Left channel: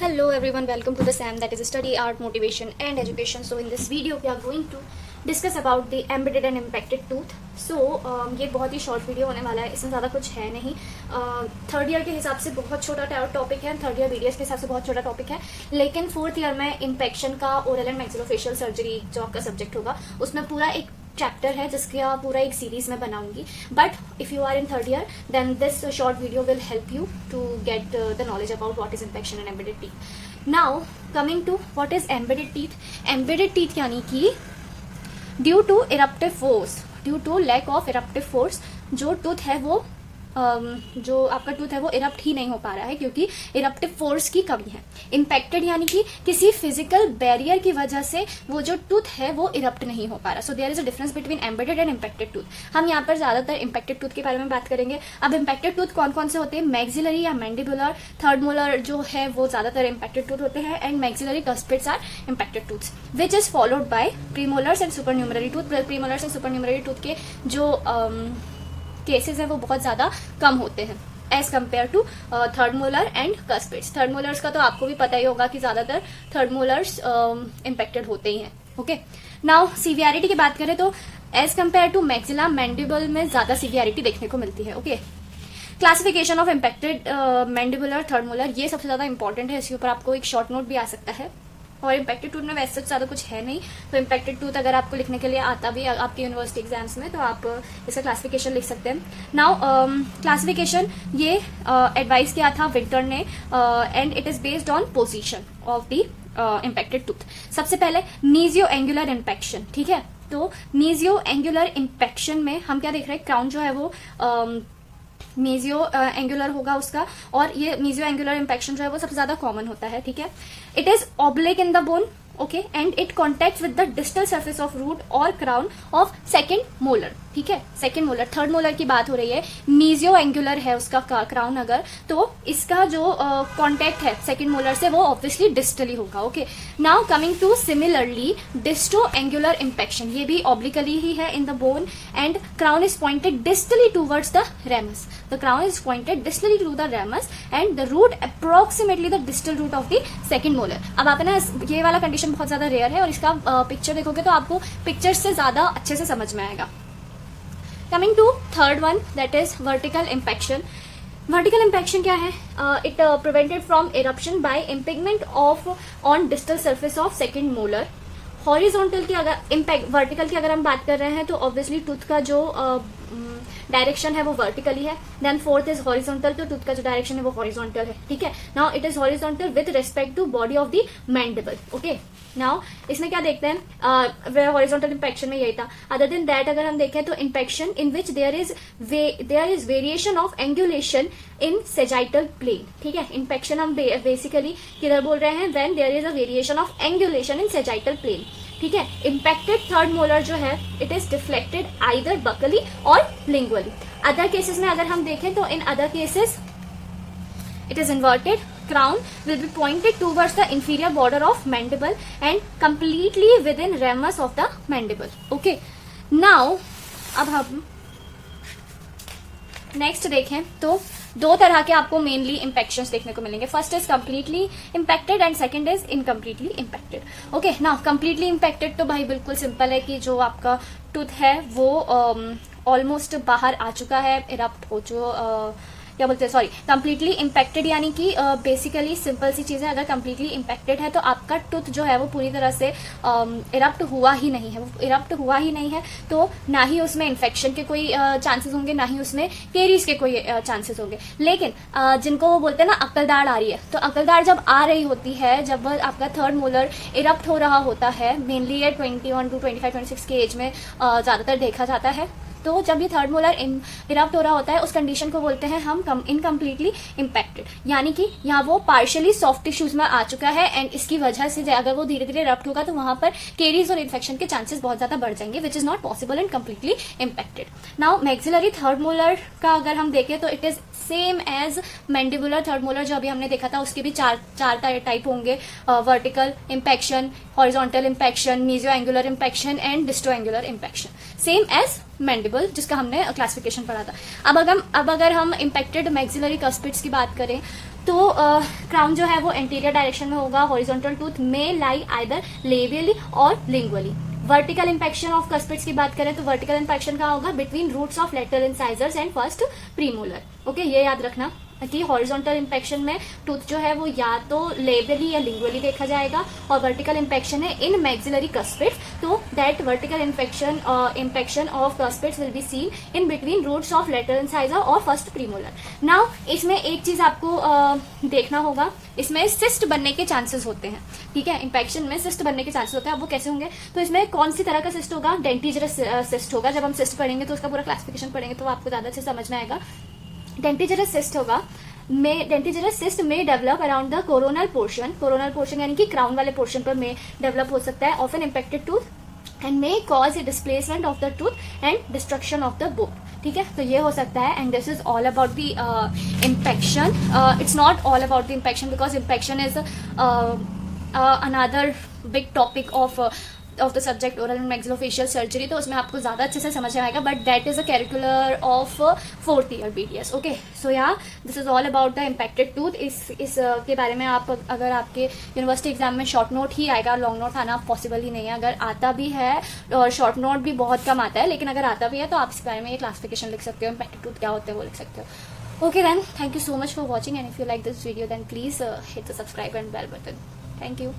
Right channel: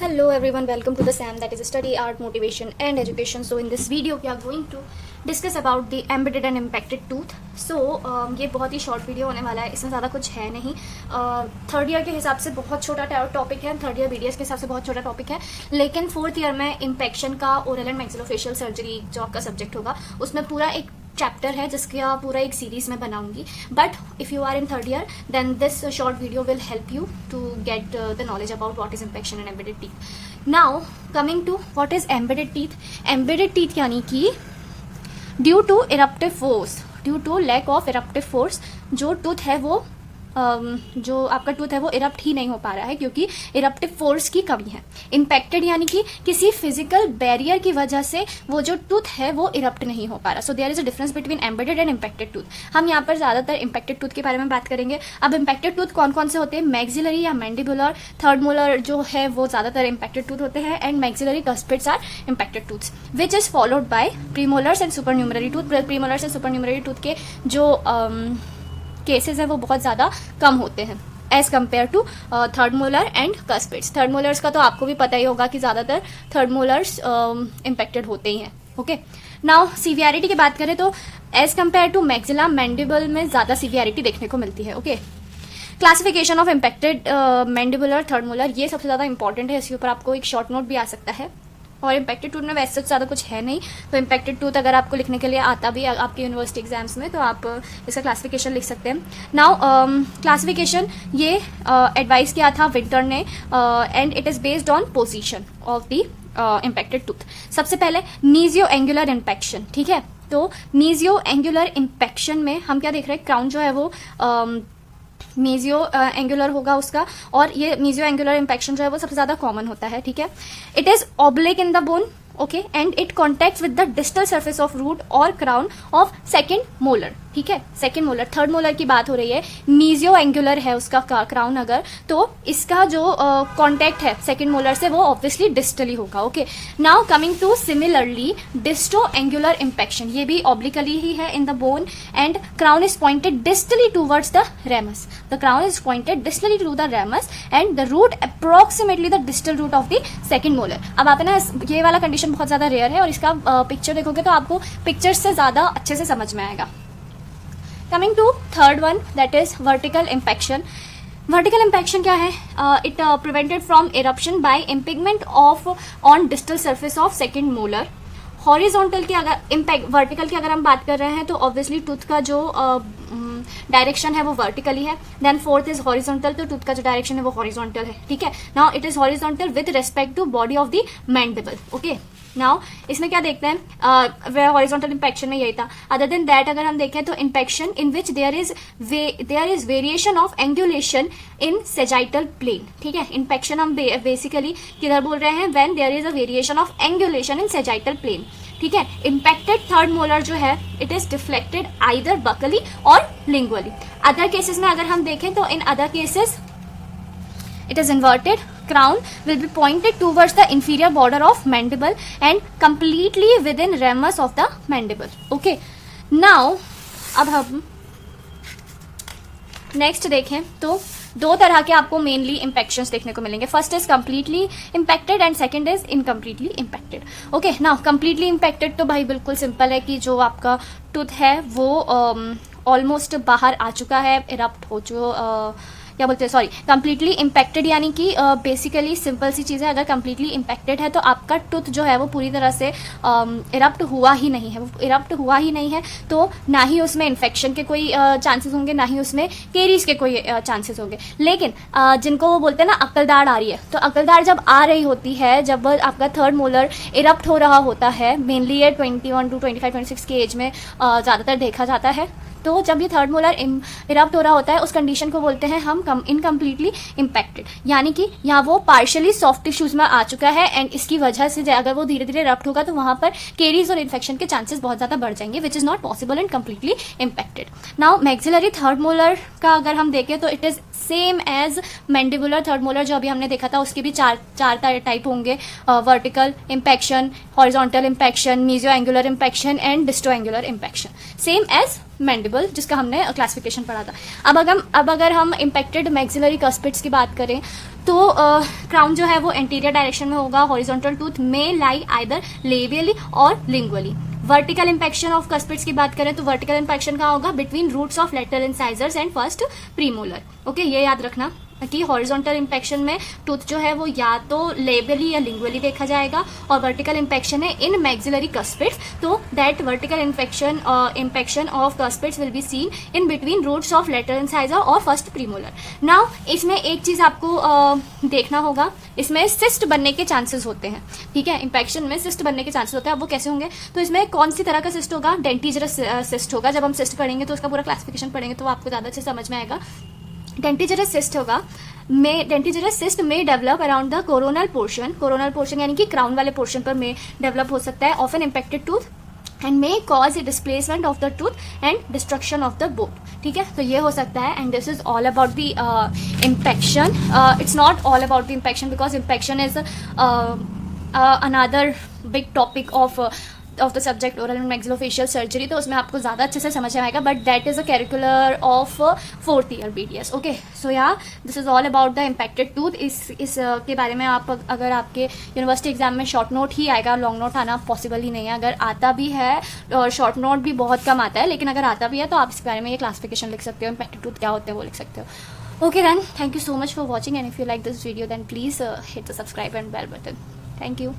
Hello everyone, welcome to the SAM, that is Study Art Motivation and Education. So in this video we are going to discuss about the embedded and impacted tooth. So ये बहुत ही short video होने वाला है, इसमें ज़्यादा कुछ है नहीं. थर्ड ईयर के हिसाब से बहुत छोटा टॉपिक है, थर्ड ईयर बीडीएस के हिसाब से बहुत छोटा टॉपिक है, लेकिन फोर्थ ईयर में इम्पेक्शन का ओरल एंड मैक्सिलोफेशियल सर्जरी जो आपका सब्जेक्ट होगा उसमें पूरा एक चैप्टर है जिसका पूरा एक सीरीज में बनाऊंगी. But if you are in third year then this short video will help you to get the knowledge about what is impaction and embedded teeth. Now coming to what is embedded teeth. Embedded teeth यानी कि due to eruptive force, due to lack of eruptive force जो tooth है वो जो आपका tooth है वो erupt ही नहीं हो पा रहा है क्योंकि इरप्टिव फोर्स की कमी है. इम्पैक्टेड यानी कि किसी फिजिकल बैरियर की वजह से वो जो टूथ है वो इरप्ट नहीं हो पा रहा. So there is a difference between embedded and impacted tooth. हम यहाँ पर ज्यादातर इम्पैक्टेड टूथ के बारे में बात करेंगे. अब इम्पैक्टेड टूथ कौन कौन से होते हैं? मैक्सिलरी या मैंडिबुलर, थर्ड मोलर जो है वो ज्यादातर इम्पैक्टेड टूथ होते हैं, and maxillary cuspids are impacted tooths which is followed by premolars and supernumerary tooth. Premolars and supernumerary tooth के जो केसेस है वो बहुत ज्यादा कम होते हैं as compare to third molar and cuspids. Third molars का तो आपको भी पता ही होगा कि ज्यादातर थर्ड मोलर्स इम्पैक्टेड होते ही हैं. ओके, नाउ सीवियरिटी की बात करें तो as compare to maxilla mandible में ज्यादा सीवियरिटी देखने को मिलती है. Okay, classification of impacted mandibular third molar ये सबसे ज्यादा इंपॉर्टेंट है. इसके ऊपर आपको एक शॉर्ट नोट भी आ सकता है. और इम्पैक्टेड टूथ में वैसे ज्यादा कुछ है नहीं, तो इम्पैक्टेड टूथ अगर आपको लिखने के लिए आता भी आपके यूनिवर्सिटी एग्जाम्स में तो आप इसका क्लासिफिकेशन लिख सकते हैं. नाउ क्लासिफिकेशन ये एडवाइस किया था विंटर ने and it is based on position of the impacted tooth. सबसे पहले मीजियो एंगुलर इम्पैक्शन. ठीक है, तो मीजियो एंगुलर इम्पैक्शन में हम क्या देख रहे हैं? क्राउन जो है वो मेजियो एंगुलर होगा उसका, और ये मेजियो एंगुलर इम्पैक्शन जो है वो सबसे ज्यादा कॉमन होता है. ठीक है, it is oblique in the bone. Okay, and it contact with the distal surface of root और क्राउन ऑफ सेकेंड मोलर. ठीक है, सेकेंड मोलर. थर्ड मोलर की बात हो रही है, मीजियो एंगुलर है उसका क्राउन अगर, तो इसका जो कॉन्टेक्ट है सेकेंड मोलर से वो ऑब्वियसली डिस्टली होगा. Okay, now coming to similarly disto angular impaction, ये भी ऑब्लिकली ही है in the bone and crown is pointed distally towards the ramus. The crown is pointed distally to the ramus and the root approximately the distal root of the second molar. अब आप ना ये वाला condition बहुत ज्यादा rare है और इसका पिक्चर देखोगे तो आपको पिक्चर से ज्यादा अच्छे से समझ में आएगा. Coming to third one, that is vertical impaction. Vertical impaction क्या है? It prevented from eruption by impingement of on distal surface of second molar. Horizontal की अगर इम्पैक्ट, वर्टिकल की अगर हम बात कर रहे हैं तो ऑब्वियसली टूथ का जो डायरेक्शन है वो वर्टिकली है. देन फोर्थ इज हॉरिजॉन्टल, तो टूथ का जो डायरेक्शन है वो हॉरिजॉन्टल है. ठीक है, now it is horizontal with respect to body of the mandible. Okay, now इसमें क्या देखते हैं? हॉरिजॉन्टल इम्पैक्शन में यही था. अदर देन दैट अगर हम देखें तो impaction in which there is variation of angulation in sagittal plane. ठीक है, इम्पैक्शन हम बेसिकली किधर बोल रहे हैं? When there is a variation of angulation in sagittal plane. ठीक है, इम्पैक्टेड थर्ड मोलर जो है it is deflected either buccally और लिंगुअली. अदर केसेस में अगर हम देखें तो in other cases it is inverted. Crown will be pointed towards the inferior border of mandible and completely within ramus of the mandible. Okay, now अब हम next देखें तो दो तरह के आपको मेनली इम्पैक्शंस देखने को मिलेंगे. First is completely impacted and second is incompletely impacted. Okay, now completely impacted तो भाई बिल्कुल सिंपल है कि जो आपका टूथ है वो ऑलमोस्ट बाहर आ चुका है, इरप्ट हो क्या बोलते हैं, सॉरी, कंप्लीटली इम्पैक्टेड यानी कि बेसिकली सिंपल सी चीज है. अगर कंप्लीटली इम्पैक्टेड है तो आपका टूथ जो है वो पूरी तरह से इरप्ट हुआ ही नहीं है. इरप्ट हुआ ही नहीं है तो ना ही उसमें इन्फेक्शन के कोई चांसेस होंगे, ना ही उसमें केरीज के कोई चांसेस होंगे. लेकिन जिनको वो बोलते हैं ना अक्लदाड़ आ रही है, तो अक्लदाड़ जब आ रही होती है, जब आपका थर्ड मोलर इरप्ट हो रहा होता है, मेनली ये 21 to 25, 26 की एज में ज्यादातर देखा जाता है. तो जब ये थर्ड मोलर इरप्ट हो रहा होता है उस कंडीशन को बोलते हैं हम इनकम्प्लीटली इम्पैक्टेड, यानी कि यहाँ वो पार्शियली सॉफ्ट टिश्यूज में आ चुका है एंड इसकी वजह से अगर वो धीरे धीरे इरप्ट होगा तो वहां पर केरीज और इन्फेक्शन के चांसेस बहुत ज्यादा बढ़ जाएंगे which is not possible in completely impacted. Now maxillary third molar का अगर हम देखें तो it is same as mandibular third molar जो अभी हमने देखा था. उसके भी चार टाइप होंगे, vertical impaction, horizontal impaction, mesio angular impaction and disto angular impaction, same as mandible, जिसका हमने क्लासिफिकेशन पढ़ा था। अब अगर हम इम्पैक्टेड मैक्सिलरी कस्पिड्स की बात करें तो क्राउन जो है वो एंटीरियर डायरेक्शन में होगा। हॉरिजॉन्टल टूथ में लाई आइदर लेबियली और लिंगुअली। वर्टिकल इंपेक्शन ऑफ कस्पिड्स की बात करें तो वर्टिकल इंपेक्शन कहाँ होगा? Between roots of lateral incisors and first premolar. Okay, ये याद रखना कि हॉरिजॉन्टल इंपेक्शन में टूथ जो है वो या तो लेबियली या लिंगुअली देखा जाएगा, और वर्टिकल इंपेक्शन है इन मैक्सिलरी कस्पिड्स, तो that vertical impaction of cuspids will be seen in between roots of lateral incisor और फर्स्ट प्रीमोलर। नाउ इसमें एक चीज आपको देखना होगा, इसमें सिस्ट बनने के चांसेस होते हैं। ठीक है, इंपेक्शन में सिस्ट बनने के चांसेस होते हैं। अब वो कैसे होंगे? तो इसमें कौन सी तरह का सिस्ट होगा? डेंटिजरस सिस्ट होगा। जब हम सिस्ट पढ़ेंगे तो उसका पूरा क्लासिफिकेशन पढ़ेंगे तो आपको ज्यादा अच्छे समझ में आएगा। डेंटिजरस सिस्ट होगा, डेंटिजरस सिस्ट में develop around the coronal portion यानी कि क्राउन वाले पोर्शन पर में डेवलप हो सकता है of an impacted tooth and may cause a displacement of the tooth and destruction of the bone. ठीक है, तो ये हो सकता है। And this is all about the impaction. It's not all about the impaction because impaction is another big topic of the subject oral and maxillofacial surgery, तो उसमें आपको ज्यादा अच्छे से समझ में आएगा, but that is a curricular of 4th year BDS। Okay, सो या this is all about the impacted tooth. इस के बारे में आप अगर आपके यूनिवर्सिटी एग्जाम में शॉर्ट नोट ही आएगा, लॉन्ग नोट आना पॉसिबल ही नहीं है। अगर आता भी है और शॉर्ट नोट भी बहुत कम आता है, लेकिन अगर आता भी है तो आप इस बारे में ये क्लासिफिकेशन लिख सकते हो, इम्पैक्टेड टूथ क्या होते हैं वो लिख सकते हो। Okay then, thank you so much for watching, and if you like this video then please hit the subscribe and bell button. Thank you.